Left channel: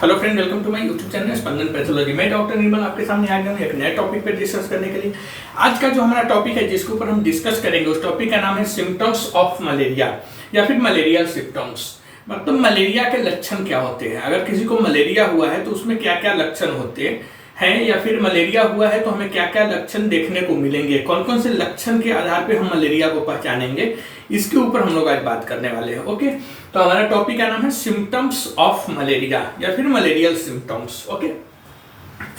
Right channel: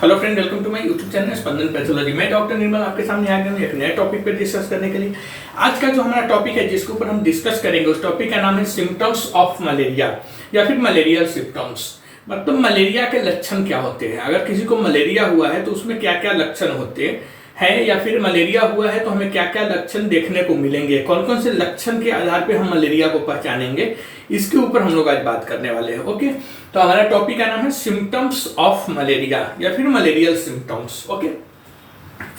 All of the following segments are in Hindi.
Hello friend, welcome to my YouTube channel Spandan pathology. मैं डॉक्टर निर्मल आपके सामने आ गया हूँ एक नए टॉपिक पर डिस्कस करने के लिए। आज का जो हमारा टॉपिक है जिसके ऊपर हम डिस्कस करेंगे उस टॉपिक का नाम है सिम्टम्स ऑफ मलेरिया या फिर मलेरियल सिम्टम्स। मतलब मलेरिया के लक्षण क्या होते हैं, अगर किसी को मलेरिया हुआ है तो उसमें क्या क्या लक्षण होते हैं, या फिर मलेरिया हुआ है तो हमें क्या क्या लक्षण देखने को मिलेंगे, कौन कौन से लक्षण के आधार पे हम मलेरिया को पहचानेंगे, इसके ऊपर हम लोग आज बात करने वाले हैं। ओके, तो हमारा टॉपिक का नाम है सिम्टम्स ऑफ मलेरिया या फिर malarial symptoms. Okay,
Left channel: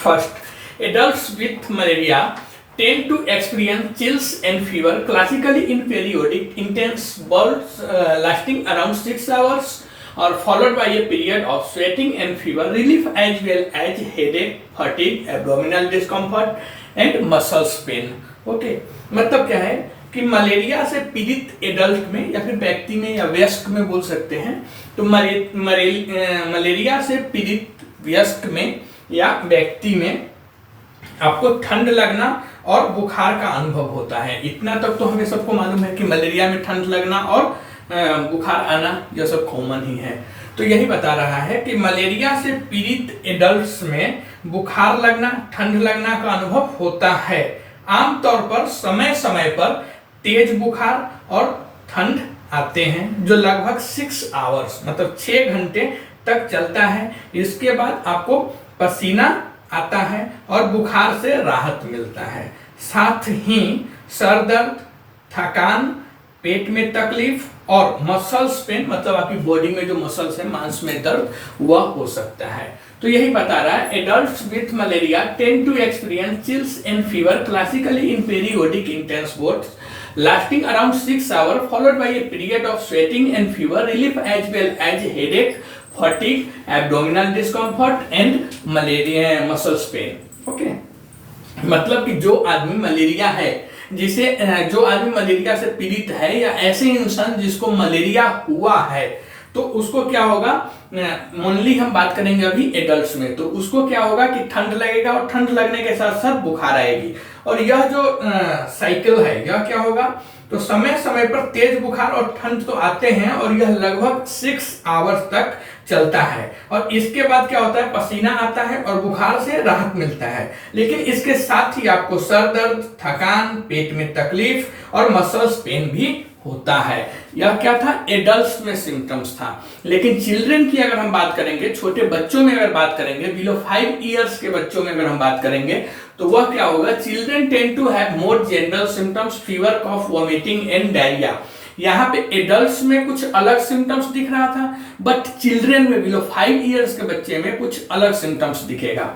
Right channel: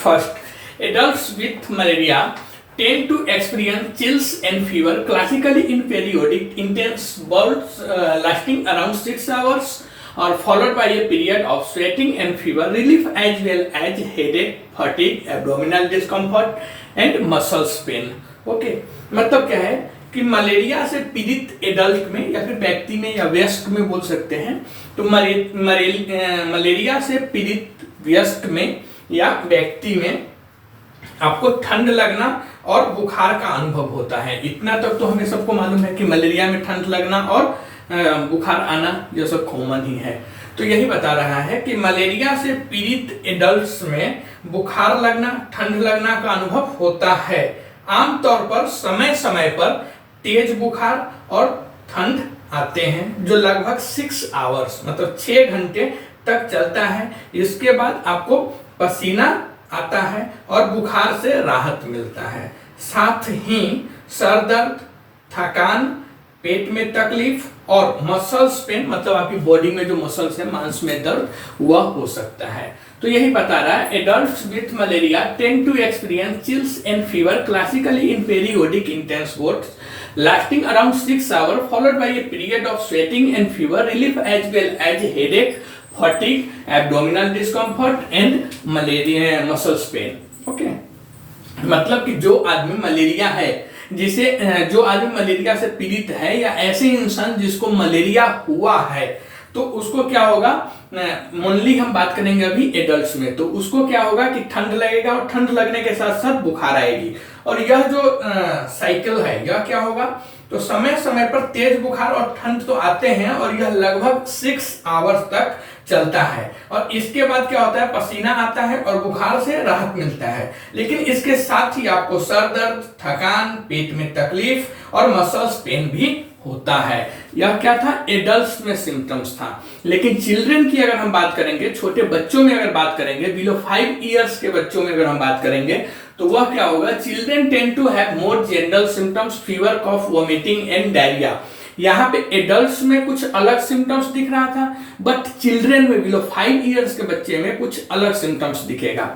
first, adults with malaria tend to experience chills and fever, classically in periodic intense bouts lasting around 6 hours or followed by a period of sweating and fever relief as well as headache, fatigue, abdominal discomfort and muscles pain. Okay, मतलब क्या है कि मलेरिया से पीड़ित एडल्ट में या फिर व्यक्ति में या वयस्क में बोल सकते हैं। तो मलेरिया से पीड़ित वयस्क में या व्यक्ति में आपको ठंड लगना और बुखार का अनुभव होता है। इतना तक तो हमें सबको मालूम है कि मलेरिया में ठंड लगना और बुखार आना यह सब कॉमन ही है। तो यही बता रहा है कि मलेरिया से पीड़ित एडल्ट्स में बुखार लगना, ठंड लगना का अनुभव होता है। आमतौर पर समय समय पर तेज बुखार और ठंड आते हैं जो लगभग 6 आवर्स मतलब 6 घंटे तक चलता है। इसके बाद आपको पसीना आता है और बुखार से राहत मिलता है। साथ ही सर दर्द, थकान, पेट में तकलीफ और मसल्स पेन मतलब आपकी बॉडी में जो मसल्स है, मांस में दर्द, वह हो सकता है। तो यही बता रहा है, adults with malaria tend to experience chills and fever classically in periodic intense bouts lasting around 6 hours followed by a period of sweating and fever relief as well as headache, fatigue, abdominal discomfort and malaria muscles pain. Okay, मतलब कि जो आदमी मलेरिया है, जो आदमी मलेरिया से पीड़ित है या ऐसे इंसान जिसको मलेरिया हुआ है तो उसको क्या होगा, ओनली हम बात करेंगे अभी एडल्ट्स में, तो उसको क्या होगा कि ठंड लगेगा और ठंड लगने के साथ साथ बुखार आएगी। और यह जो साइकिल है यह क्या होगा, तो समय समय पर तेज बुखार और ठंड तो आते हैं और यह लगभग 6 आवर्स तक चलता है। और इसके बाद क्या होता है, पसीना आता है और बुखार से राहत मिलता है। लेकिन इसके साथ ही आपको सर दर्द, थकान, पेट में तकलीफ और मसल्स पेन भी होता है। यह क्या था, एडल्ट्स में सिम्टम्स था। लेकिन चिल्ड्रन की अगर हम बात करेंगे, छोटे बच्चों में अगर बात करेंगे, बिलो 5 इयर्स के बच्चों में अगर हम बात करेंगे तो वह क्या होगा, children tend to have more general symptoms, fever, cough, vomiting and diarrhoea. यहाँ पे एडल्ट्स में कुछ अलग सिम्टम्स दिख रहा था, बट चिल्ड्रन में बिलो 5 इयर्स के बच्चे में कुछ अलग सिम्टम्स दिखेगा।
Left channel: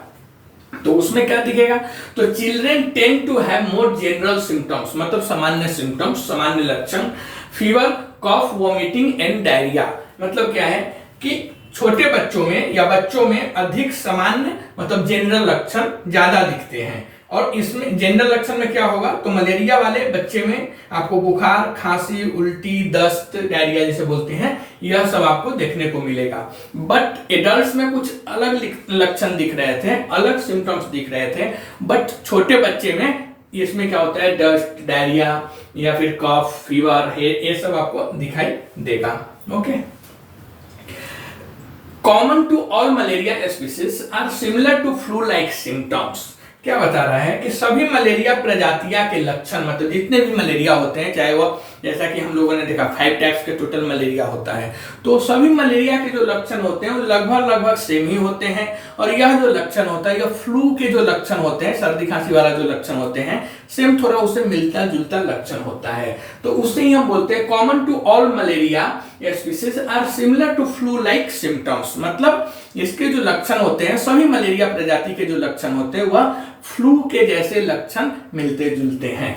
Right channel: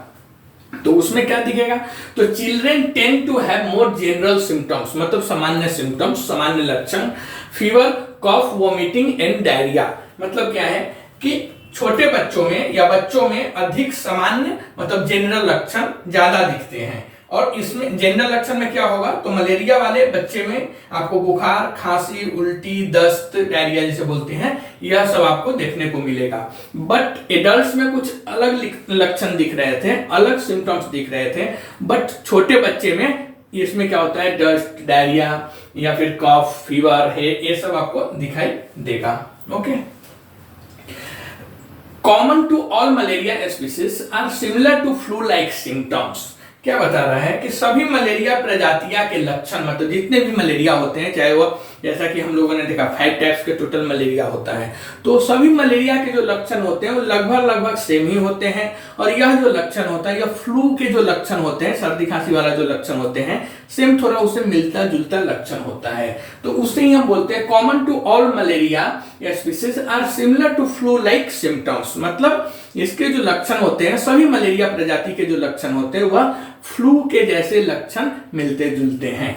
तो उसमें क्या दिखेगा, तो children tend to have more general symptoms मतलब सामान्य सिम्टम्स, सामान्य लक्षण, fever, cough, vomiting and diarrhoea. मतलब क्या है कि छोटे बच्चों में या बच्चों में अधिक सामान्य मतलब जनरल लक्षण ज्यादा दिखते हैं। और इसमें जनरल लक्षण में क्या होगा, तो मलेरिया वाले बच्चे में आपको बुखार, खांसी, उल्टी, दस्त, डायरिया जिसे बोलते हैं, यह सब आपको देखने को मिलेगा। बट एडल्ट्स में कुछ अलग लक्षण दिख रहे थे, अलग सिम्टम्स दिख रहे थे। बट छोटे बच्चे में इसमें क्या होता है, डस्ट, डायरिया या फिर कफ, फीवर है, ये सब आपको दिखाई देगा। Okay, common to all malaria species are similar to flu like symptoms. क्या बता रहा है कि सभी मलेरिया प्रजातियां के लक्षण मतलब जितने भी मलेरिया होते हैं, चाहे वो जैसा कि हम लोगों ने देखा 5 टाइप्स के टोटल मलेरिया होता है, तो सभी मलेरिया के जो लक्षण होते हैं वो लगभग सेम ही होते हैं। और यह जो लक्षण होता है, यह फ्लू के जो लक्षण होते हैं, सर्दी खांसी वाला जो लक्षण होते हैं, सेम थोड़ा उससे मिलता जुलता लक्षण होता है। तो उससे ही हम बोलते हैं common to all malaria species are similar to flu like symptoms. मतलब इसके जो लक्षण होते हैं, सभी मलेरिया प्रजाति के जो लक्षण होते हैं वह फ्लू के जैसे लक्षण मिलते जुलते हैं।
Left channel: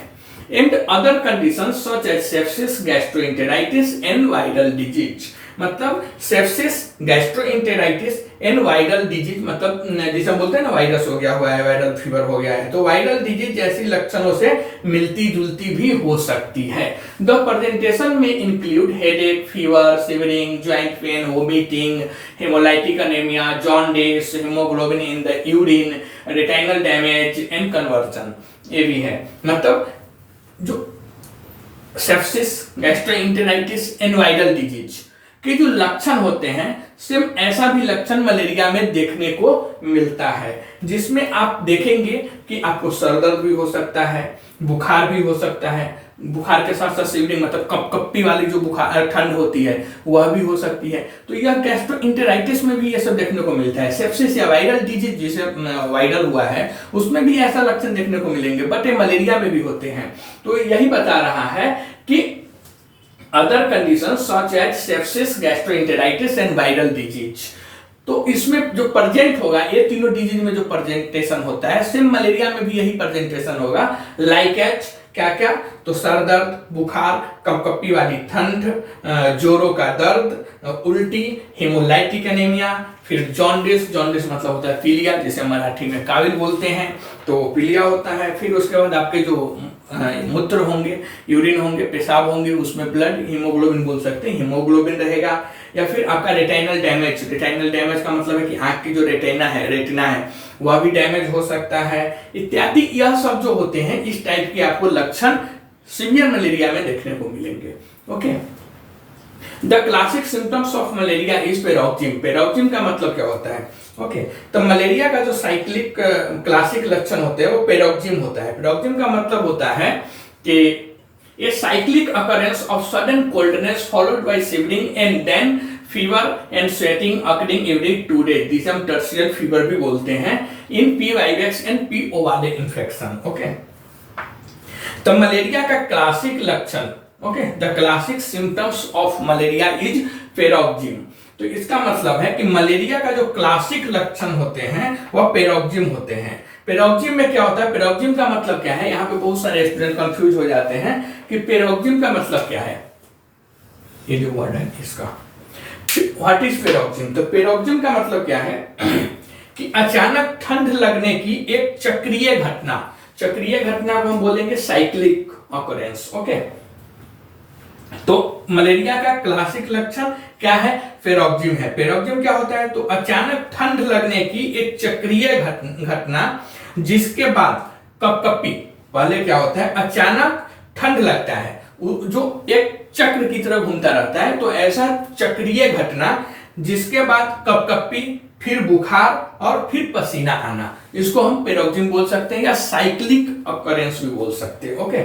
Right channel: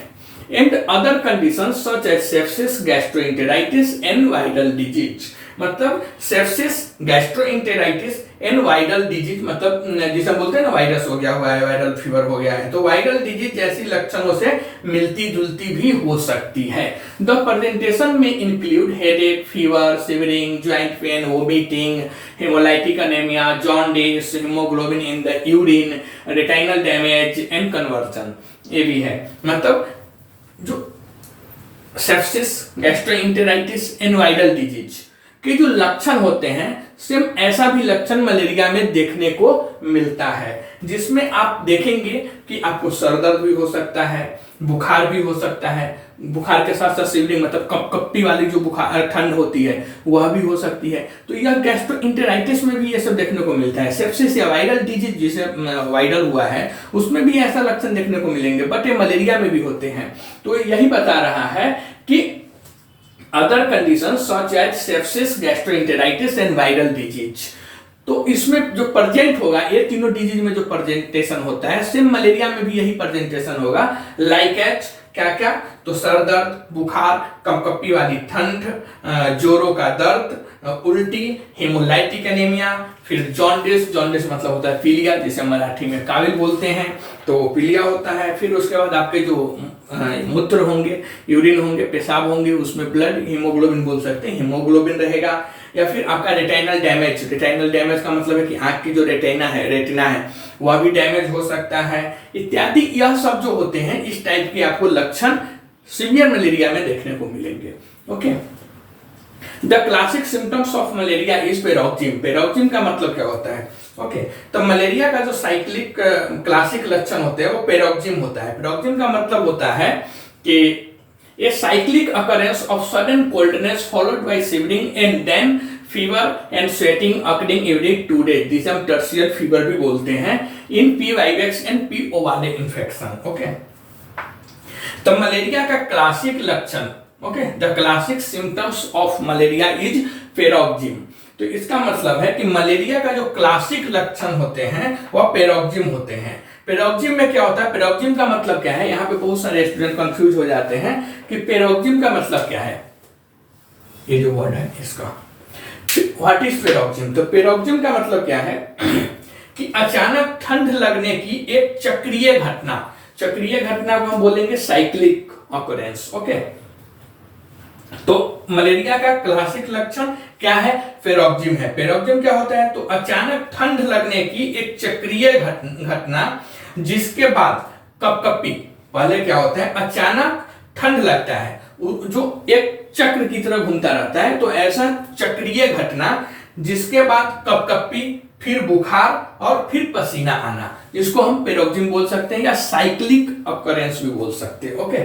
And other conditions such as sepsis, gastroenteritis and viral disease. मतलब sepsis, gastroenteritis and viral disease मतलब जिसे हम बोलते हैं ना, वायरस हो गया हुआ है, वायरल फीवर हो गया है, तो वायरल डिजीज जैसी लक्षणों से मिलती जुलती भी हो सकती है। द प्रेजेंटेशन में include headache, fever, shivering, joint pain, vomiting, haemolytic anaemia, jaundice, haemoglobin in the urine, retinal damage and conversion, ये भी है। मतलब जो sepsis, gastroenteritis and viral disease के जो लक्षण होते हैं सेम ऐसा भी लक्षण मलेरिया में देखने को मिलता है, जिसमें आप देखेंगे कि आपको सर दर्द भी हो सकता है, बुखार भी हो सकता है, बुखार के साथ साथ शिवरिंग मतलब कपकपी वाली जो बुखार ठंड होती है वह भी हो सकती है। तो यह गैस्ट्रोएंटेराइटिस में भी ये सब देखने को मिलता है। सेप्सिस या वायरल डिजीज जिसे वायरल हुआ है उसमें भी ऐसा लक्षण देखने को मिलेंगे, बट ये मलेरिया में भी होते हैं। तो यही बता रहा है कि other condition such as sepsis, gastroenteritis and viral disease, तो इसमें जो प्रेजेंट होगा ये तीनों डिजीज में जो प्रेजेंटेशन होता है सेम मलेरिया में भी यही प्रेजेंटेशन होगा। लाइक एज क्या क्या, तो सर दर्द, बुखार, कपकपी वाली ठंड, जोरों का दर्द, उल्टी, हेमोलाइटिक एनीमिया, फिर जॉन्डिस, जॉन्डिस मतलब होता है पीलिया जिसे मराठी में काविल बोलते हैं, तो पीलिया होता है। फिर उसके बाद आपके जो मूत्र होंगे, यूरिन होंगे, पेशाब होंगे, उसमें ब्लड, हीमोग्लोबिन बोल सकते हैं, हीमोग्लोबिन रहेगा। या फिर आपका रेटिनल डैमेज, रेटिनल डैमेज का मतलब है कि आंख की जो रेटिना है वह भी डैमेज हो सकता है इत्यादि। यह सब जो होते हैं इस टाइप के आपको लक्षण सीवियर मलेरिया में देखने को मिलेंगे। Okay, the classic symptoms of malaria is paroxysm. Paroxysm का मतलब क्या होता है? ओके, तो मलेरिया का जो साइक्लिक क्लासिक लक्षण होते हैं वो पेरोक्सिम होता है। पेरोक्सिम का मतलब होता है कि a cyclic occurrence of sudden coldness followed by shivering and then fever and sweating occurring every 2 days, जिसे हम टर्शियल फीवर भी बोलते हैं, in P vivax and P O वाले इन्फेक्शन। ओके, तो मलेरिया का क्लासिक लक्षण, okay, the classic symptoms of malaria is paroxysm. तो इसका मतलब है कि मलेरिया का जो क्लासिक लक्षण होते हैं वह पेरोक्सिम होते हैं। पेरोक्सिम में क्या होता है? पेरोक्सिम का मतलब क्या है? यहाँ पे बहुत सारे स्टूडेंट कंफ्यूज हो जाते हैं कि पेरोक्सिम का मतलब क्या है। ये जो वर्ड है इसका व्हाट इज पेरोक्सिम? तो पेरोक्सिम का मतलब क्या है कि अचानक ठंड लगने की एक चक्रीय घटना, चक्रीय घटना को हम बोलेंगे साइक्लिक ऑकरेंस। ओके, तो मलेरिया का क्लासिक लक्षण क्या है? पेरोक्सिम है। पेरोक्सिम क्या होता है? तो अचानक ठंड लगने की एक चक्रीय घटना जिसके बाद कपकपी पहले क्या होता है? अचानक ठंड लगता है जो एक चक्र की तरह घूमता रहता है, तो ऐसा चक्रीय घटना जिसके बाद कपकपी, फिर बुखार और फिर पसीना आना, इसको हम पेरोक्सिम बोल सकते हैं या साइक्लिक ऑकरेंस भी बोल सकते हैं। Okay,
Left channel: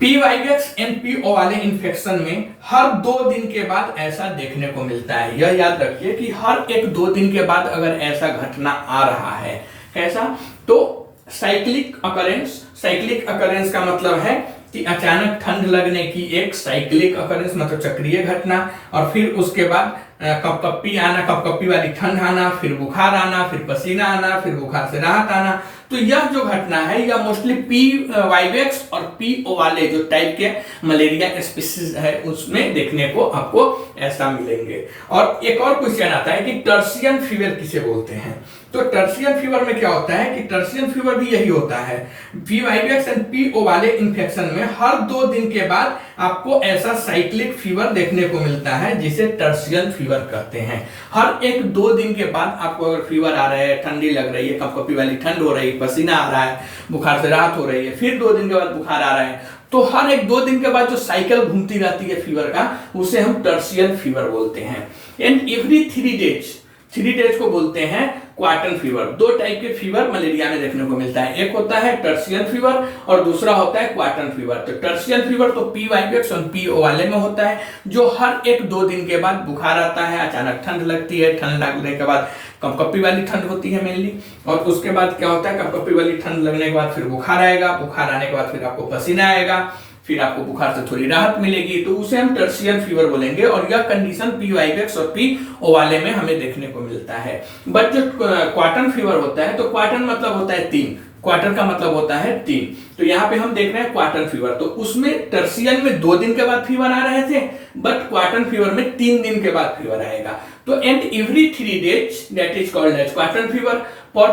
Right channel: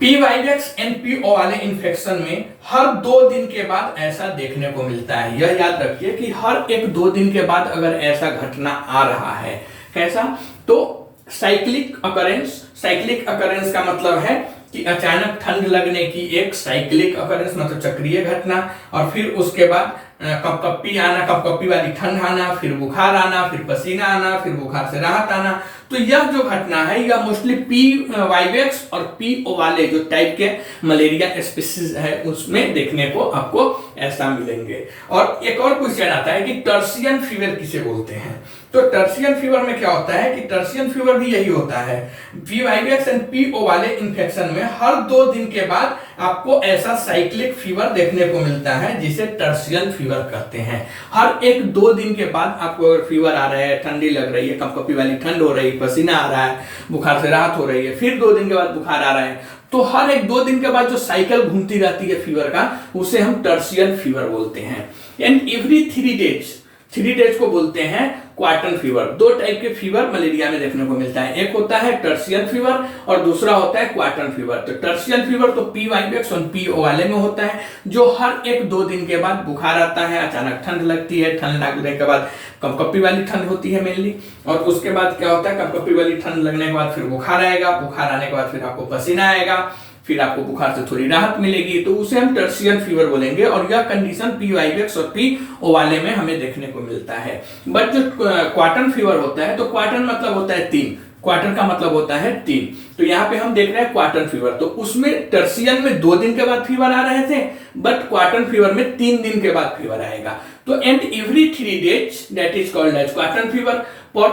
P vivax and P O वाले इन्फेक्शन में हर 2 दिन के बाद ऐसा देखने को मिलता है। यह याद रखिए कि हर 1-2 दिन के बाद अगर ऐसा घटना आ रहा है, कैसा? तो साइक्लिक ऑकरेंस। साइक्लिक ऑकरेंस का मतलब है कि अचानक ठंड लगने की एक साइक्लिक ऑकरेंस मतलब चक्रीय घटना, और फिर उसके बाद कपकपी आना, कपकपी वाली ठंड आना, फिर बुखार आना, फिर पसीना आना, फिर बुखार से राहत आना। तो यह जो घटना है यह मोस्टली पी वाइवेक्स और पी ओ वाले जो टाइप के मलेरिया स्पीसीज है उसमें देखने को आपको ऐसा मिलेंगे। और एक और क्वेश्चन आता है कि टर्शियन फीवर किसे बोलते हैं? तो टर्शियन फीवर में क्या होता है कि टर्शियन फीवर भी यही होता है, P vivax and P O वाले इन्फेक्शन में हर 2 दिन के बाद आपको ऐसा साइक्लिक फीवर देखने को मिलता है जिसे टर्शियन फीवर कहते हैं। हर 1-2 दिन के बाद आपको अगर फीवर आ रहा है, ठंडी लग रही है, कपकपी वाली ठंड हो रही है, पसीना आ रहा है, बुखार से राहत हो रही है, फिर 2 दिन के बाद बुखार आ रहा है, तो हर 1-2 दिन के बाद जो साइकिल घूमती रहती है फीवर का उसे हम टर्शियन फीवर बोलते हैं। एंड एवरी 3 डेज को बोलते हैं क्वार्टन फीवर। 2 टाइप के फीवर मलेरिया में देखने को मिलता है, एक होता है टर्शियन फीवर और दूसरा होता है क्वार्टन फीवर। तो टर्शियन फीवर तो पी वाइवेक्स और पी ओ वाले में होता है, जो हर 1-2 दिन के बाद बुखार आता है, अचानक ठंड लगती है, ठंड लगने के बाद कपकपी वाली ठंड होती है मेनली, और उसके बाद क्या होता है कपकपी वाली ठंड लगने के बाद फिर बुखार आएगा, बुखार आने के बाद फिर आपको पसीना आएगा, फिर आपको बुखार से थोड़ी राहत मिलेगी, तो उसे हम टर्शियन फीवर बोलेंगे। और यह कंडीशन पी वाइवेक्स और पी ओ वाले में हमें देखने को मिलता है। बट जो क्वार्टन फीवर होता है, तो क्वार्टन मतलब होता है 3, क्वार्टर का मतलब होता है 3, तो यहाँ पे हम देख रहे हैं क्वार्टन फीवर, तो उसमें टर्शियन में 2 दिन के बाद फीवर आ रहे थे, बट क्वार्टन फीवर में 3 दिन के बाद फीवर आएगा। तो and every 3 days that is called as quartan fever for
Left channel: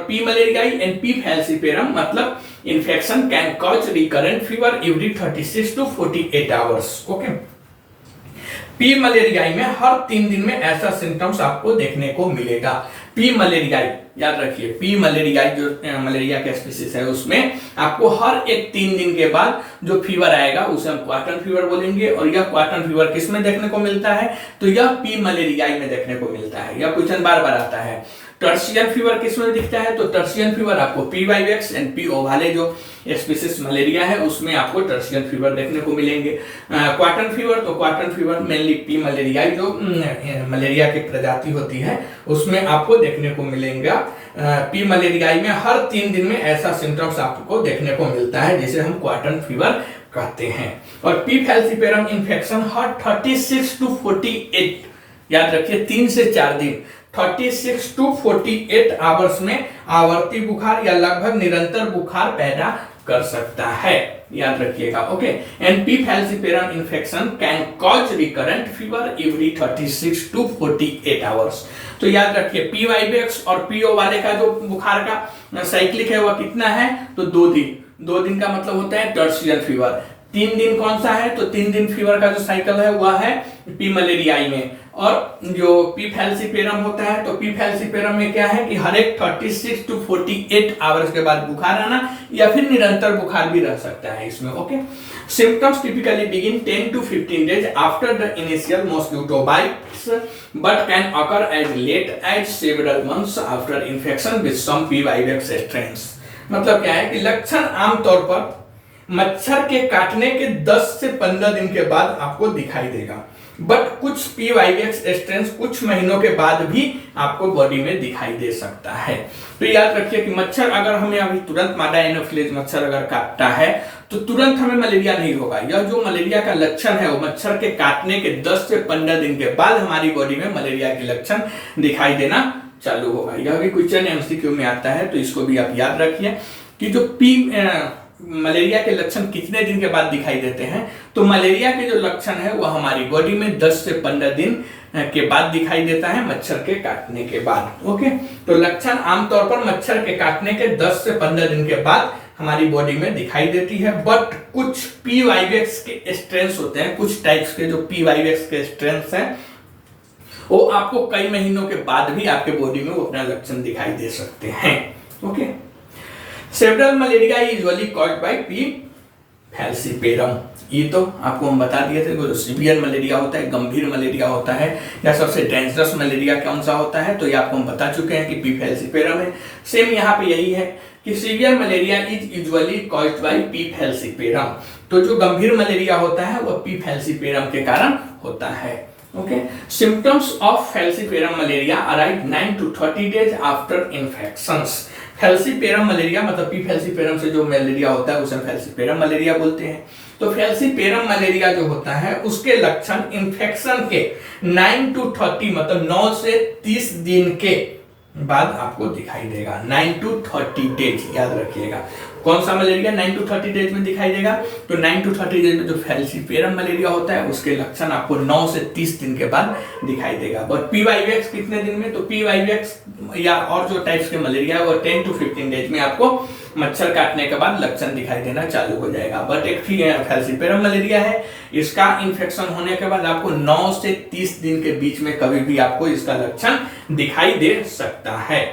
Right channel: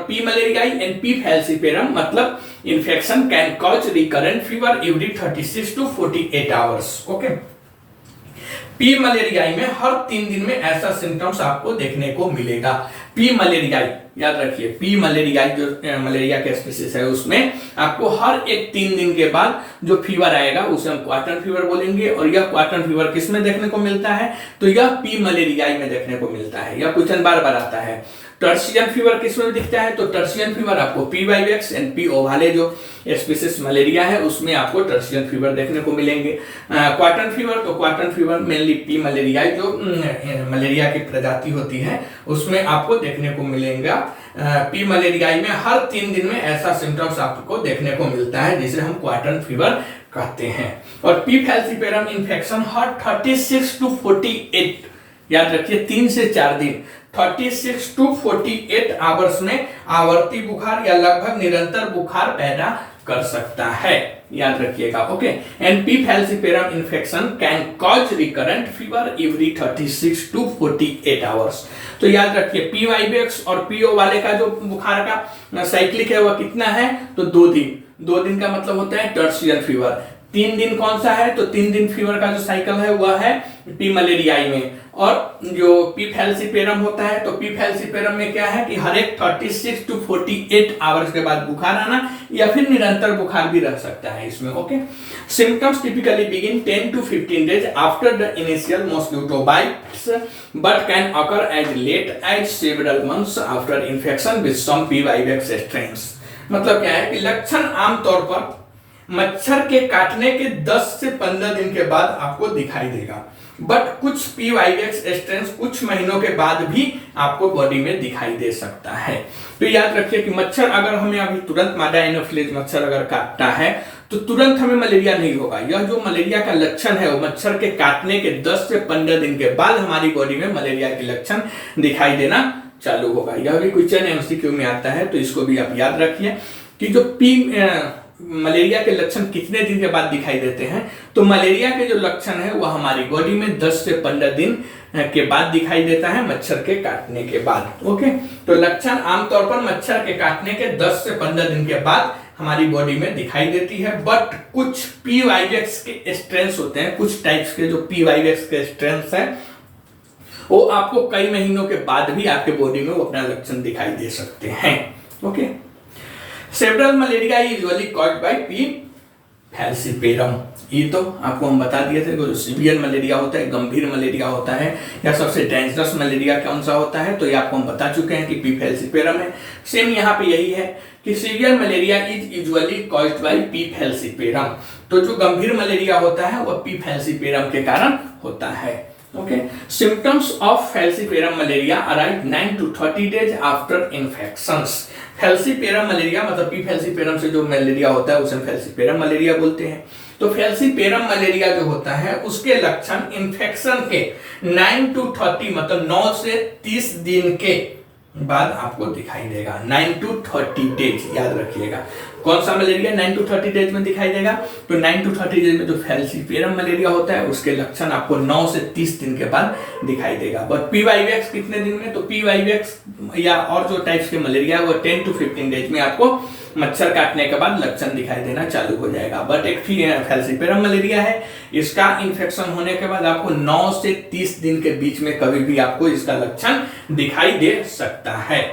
P malariae and P falciparum, मतलब infection can cause recurrent fever every 36 to 48 hours. Okay, P malariae में हर 3 दिन में ऐसा सिम्टम्स आपको देखने को मिलेगा। पी मलेरियाई याद रखिए, पी मलेरियाई जो मलेरिया के स्पीसीज है उसमें आपको हर एक 3 दिन के बाद जो फीवर आएगा उसे हम क्वार्टर फीवर बोलेंगे। और यह क्वार्टर फीवर किस में देखने को मिलता है, तो यह पी मलेरियाई में देखने को मिलता है। यह क्वेश्चन बार बार आता है। टर्शियन फीवर किस में दिखता है, तो टर्शियन फीवर आपको पी वाइवेक्स एंड पी ओवाले जो स्पीसीज मलेरिया है उसमें आपको टर्शियन फीवर देखने को मिलेंगे। क्वार्टर फीवर, तो quarter fever mainly P malaria जो मलेरिया की प्रजाति होती है उसमें आपको देखने को मिलेगा। पी मलेरियाई में हर 3 दिन में ऐसा सिम्टम्स आपको देखने को मिलता है जिसे हम क्वार्टर फीवर कहते हैं। और P falciparum infection her 36 to 48, याद रखिए 3 से 4 दिन, 36 to 48 आवर्स में आवर्ती बुखार या लगभग निरंतर बुखार पैदा कर सकता है, याद रखिएगा। Okay, and P falciparum infection can cause recurrent fever every 36 to 48 hours. तो याद रखिए पी वाइवेक्स और पीओ वाले का जो बुखार का साइक्लिक है वह कितना है, तो 2 दिन का मतलब होता है टर्शियन फीवर। 3 दिन कौन सा है, तो 3 दिन फीवर का जो साइकिल है वह है पी मलेरियाई में। और जो पी फैल्सिपेरम होता है, तो पी फैल्सिपेरम में क्या है कि हर एक 36 to 48 आवर्स के बाद बुखार आना या फिर निरंतर बुखार भी रह सकता है इसमें। Okay, symptoms typically begin 10 to 15 days after the initial mosquito bites but can occur as late as several months after infection with some P vivax strains. मतलब क्या है कि लक्षण आमतौर पर मच्छर के काटने के 10 से 15 दिन के बाद आपको दिखाई देगा, बट कुछ पी वाइवेक्स स्ट्रेन्स कुछ महीनों के बाद भी आपको बॉडी में दिखाई दे सकता है। तो याद रखिए कि मच्छर अगर हमें अभी तुरंत मादा एनोफिलीज मच्छर अगर काटता है तो तुरंत हमें मलेरिया नहीं होगा। यह जो मलेरिया का लक्षण है वो मच्छर के काटने के 10 से 15 दिन के बाद हमारी बॉडी में मलेरिया के लक्षण दिखाई देना चालू होगा। यह भी क्वेश्चन एमसीक्यू में आता है, तो इसको भी आप याद रखिए कि जो मलेरिया के लक्षण कितने दिन के बाद दिखाई देते हैं, तो मलेरिया के जो लक्षण है वह हमारी बॉडी में 10 से 15 दिन के बाद दिखाई देता है मच्छर के काटने के बाद। ओके, तो लक्षण आमतौर पर मच्छर के काटने के 10 से 15 दिन के बाद हमारी बॉडी में दिखाई देती है, बट कुछ पी वाइवेक्स के स्ट्रेन्स होते हैं, कुछ टाइप्स के जो पी वाइवेक्स के स्ट्रेन्स हैं वो आपको कई महीनों के बाद भी आपके बॉडी में वो अपना लक्षण दिखाई दे सकते हैं। Okay, several malaria usually caused by P falciparum. ये तो आपको हम बता दिए थे, जो सीवियर मलेरिया होता है, गंभीर मलेरिया होता है, या सबसे डेंजरस मलेरिया कौन सा होता है, तो ये आपको हम बता चुके हैं कि पी फैल्सिपेरम है। सेम यहाँ पे यही है कि severe malaria is usually caused by P falciparum. तो जो गंभीर मलेरिया होता है वह पी फैल्सिपेरम के कारण होता है। Okay, symptoms of falciparum malaria arrive 9 to 30 days after infections. Falciparum malaria मतलब पी फैल्सिपेरम से जो मलेरिया होता है उसे फैल्सिपेरम मलेरिया बोलते हैं। तो फैल्सिपेरम मलेरिया जो होता है उसके लक्षण इन्फेक्शन के 9 to 30 मतलब 9 से 30 दिन के बाद आपको दिखाई देगा। 9 to 30 days याद रखिएगा। कौन सा मलेरिया 9 to 30 डेज में दिखाई देगा, तो 9 to 30 डेज में जो फैल्सिपेरम मलेरिया होता है उसके लक्षण आपको 9 से 30 दिन के बाद दिखाई देगा। बट पी वाइवेक्स कितने दिन में, तो पी वाइवेक्स या और जो टाइप्स के मलेरिया है वो 10 to 15 डेज में आपको मच्छर काटने के बाद लक्षण दिखाई देना चालू हो जाएगा। बट एक फैल्सिपेरम मलेरिया है, इसका इन्फेक्शन होने के बाद आपको 9 से 30 दिन के बीच में कभी भी आपको इसका लक्षण दिखाई दे सकता है।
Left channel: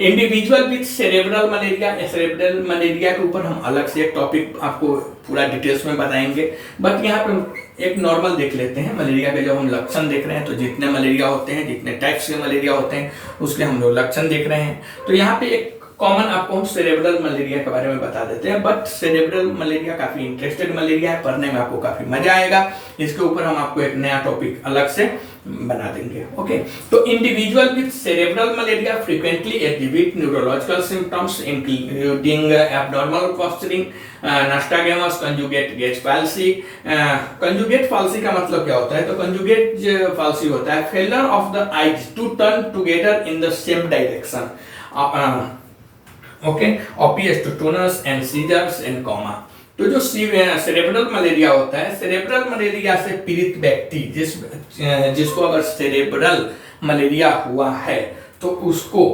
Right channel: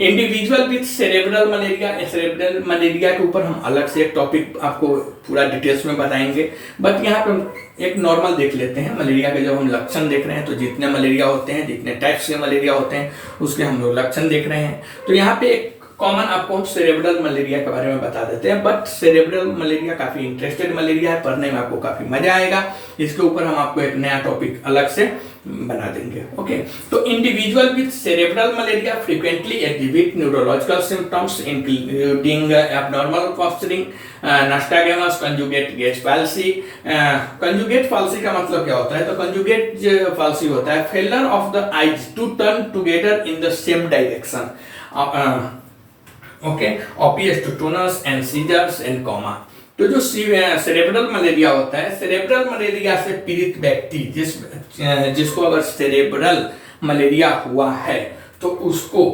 इंडिविजुअल विथ सेरेब्रल मलेरिया के ऊपर हम अलग से एक टॉपिक आपको पूरा डिटेल्स में बताएंगे, बट यहाँ पे एक नॉर्मल देख लेते हैं मलेरिया के। जब हम लक्षण देख रहे हैं तो जितने मलेरिया होते हैं, जितने टाइप्स के मलेरिया होते हैं उसके हम लोग लक्षण देख रहे हैं। तो यहाँ पे एक कॉमन आपको सेरेब्रल मलेरिया के बारे में बता देते हैं। बट सेरेब्रल मलेरिया काफी इंटरेस्टेड मलेरिया है, पढ़ने में आपको काफी मजा आएगा। इसके ऊपर हम आपको एक नया टॉपिक अलग से बना देंगे। ओके, तो individual with cerebral malaria frequently exhibit neurological symptoms including abnormal posturing, nystagmus, conjugate gaze palsy. Conjugate palsy का मतलब क्या होता है, तो कंजुगेट पैल्सी होता है failure of the eyes to turn together in the same direction. Okay, opisthotonus and seizures and coma. तो जो सेरेब्रल मलेरिया होता है, सेरेब्रल मलेरिया से पीड़ित व्यक्ति जिसको अगर सेरेब्रल मलेरिया हुआ है तो उसको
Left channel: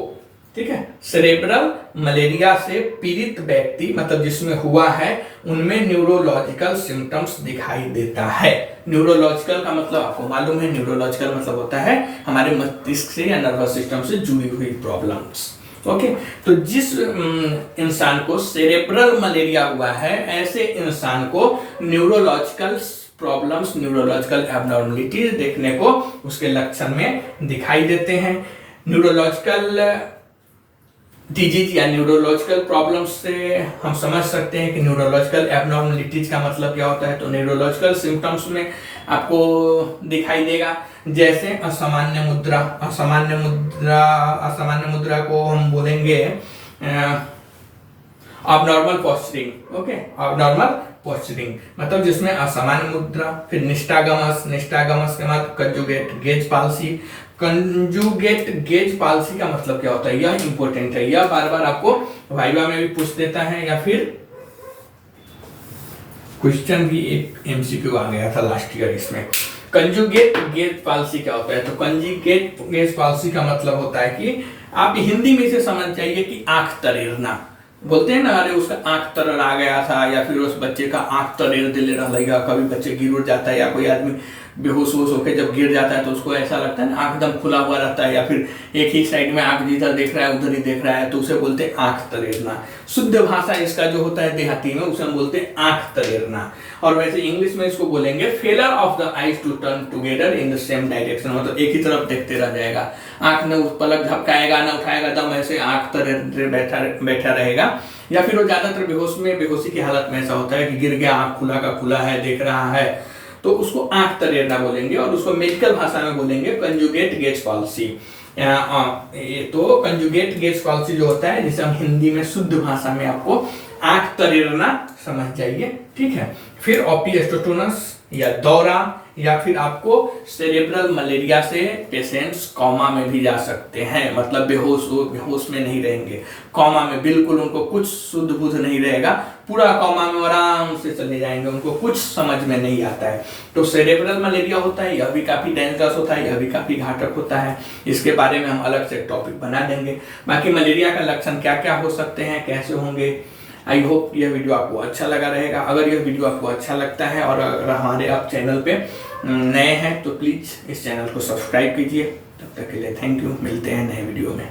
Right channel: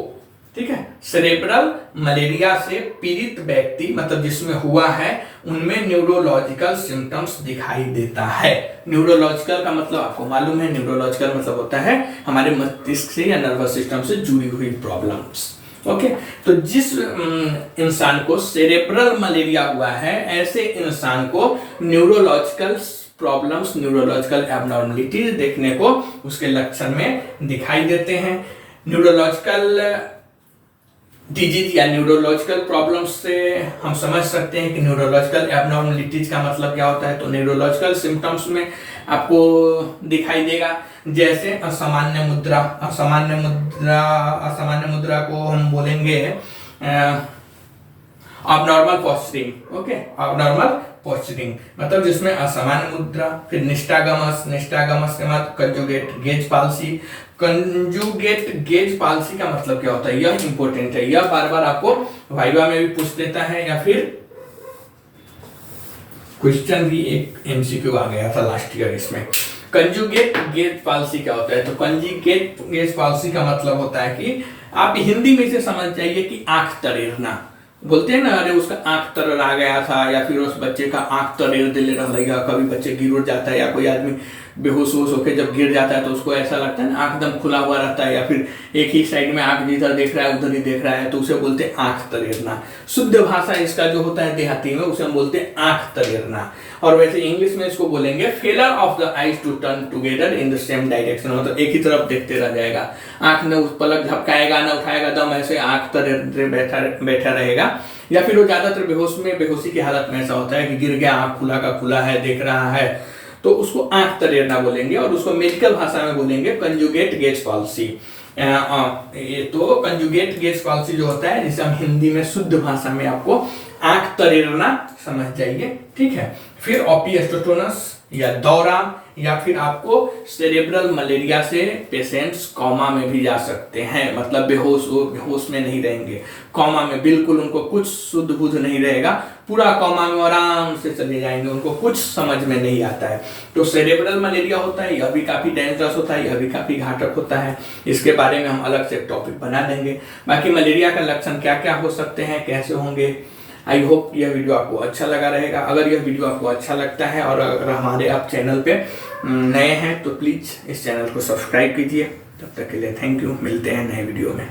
ठीक है। सेरेब्रल मलेरिया से पीड़ित व्यक्ति मतलब जिसमें हुआ है उनमें न्यूरोलॉजिकल सिम्टम्स दिखाई देता है। न्यूरोलॉजिकल का मतलब आपको मालूम है, न्यूरोलॉजिकल मतलब होता है हमारे मस्तिष्क से या नर्वस सिस्टम से जुड़ी हुई प्रॉब्लम्स। ओके, तो जिस इंसान को सेरेब्रल मलेरिया हुआ है ऐसे इंसान को न्यूरोलॉजिकल प्रॉब्लम्स, न्यूरोलॉजिकल एबनॉर्मलिटीज देखने को उसके लक्षण में दिखाई देते हैं। न्यूरोलॉजिकल डिजीज या न्यूरोलॉजिकल प्रॉब्लम्स से हम समझ सकते हैं कि न्यूरोलॉजिकल एबनॉर्मलिटीज का मतलब क्या होता है। तो न्यूरोलॉजिकल सिम्टम्स में आपको दिखाई देगा जैसे असामान्य मुद्रा, असामान्य मुद्रा को हम बोलेंगे abnormal posturing. Okay, abnormal posturing मतलब जिसमें असामान्य मुद्रा। फिर निस्टागमस, निस्टागमस के बाद conjugate gauge palsy. Conjugate gauge palsy का मतलब क्या होता है, यह इंपॉर्टेंट है, यह बार बार आपको वाइवा में भी पूछ देता है या फिर क्वेश्चन भी एक एमसीक्यू आ गया था लास्ट ईयर इसमें। कंजुगेट गेज पाल्सी क्या होता है, तो कंजुगेट गेज पाल्सी का मतलब होता है कि आप हिंदी में इसे समझ जाइए कि आंख तरेरना। बोलते हैं ना, अरे उसका आंख तरर आ गया था या फिर उस बच्चे का आंख तरेर दिले रहेगा। कभी बच्चे गिर उड़ जाता है या कोई आदमी बेहोश वोश होकर जब गिर जाता है तो उसको ऐसा लगता है ना आंख दम खुला हुआ रहता है या फिर एक ही साइड में आंख जिधर देख रहा है उधर ही देख रहा है, तो उसे बोलते हैं आंख तरेरना। शुद्ध भाषा इसका जो होता है देहाती में उसे हम बोलते हैं आंख तरेरना। और वैसे इंग्लिश में इसको बोलेंगे failure of the eyes to turn together in the same direction, मतलब एक ही तरफ देखते रह जाएगा, आंख ने उस पलक झपकाएगा ना उठाएगा दम, ऐसे आंख तरेर बैठा रहेगा। या फिर वो ज्यादातर बेहोशी की हालत में ऐसा होता है कि गिर गया, आंख खुला का खुला है, देख रहा है, तो उसको आंख तरेरना बोलेंगे और उसको मेडिकल भाषा में बोलेंगे कंजुगेट गेज पॉलिसी। तो कंजुगेट गेज पॉलिसी जो होता है जिसे हम हिंदी में शुद्ध भाषा में आपको आंख तरेरना समझ जाइए, ठीक है। फिर ओपिस्टोटोनस या दौरा या फिर आपको सेरेब्रल मलेरिया से पेशेंट्स कॉमा में भी जा सकते हैं, मतलब बेहोश में नहीं रहेंगे, कॉमा में बिल्कुल उनको कुछ शुद्ध बुद्ध नहीं रहेगा, पूरा कॉमा में आराम से चले जाएंगे, उनको कुछ समझ में नहीं आता है। तो सेरेब्रल मलेरिया होता है, यह भी काफी डेंजरस होता है, यह भी काफी घातक होता है। इसके बारे में हम अलग से टॉपिक बना देंगे। बाकी मलेरिया का लक्षण क्या क्या हो सकते हैं, कैसे होंगे, आई होप यह वीडियो आपको अच्छा लगा रहेगा। अगर यह वीडियो आपको अच्छा लगता है और अगर हमारे आप चैनल पे नए हैं तो प्लीज़ इस चैनल को सब्सक्राइब कीजिए। तब तक के लिए थैंक यू, मिलते हैं नए वीडियो में।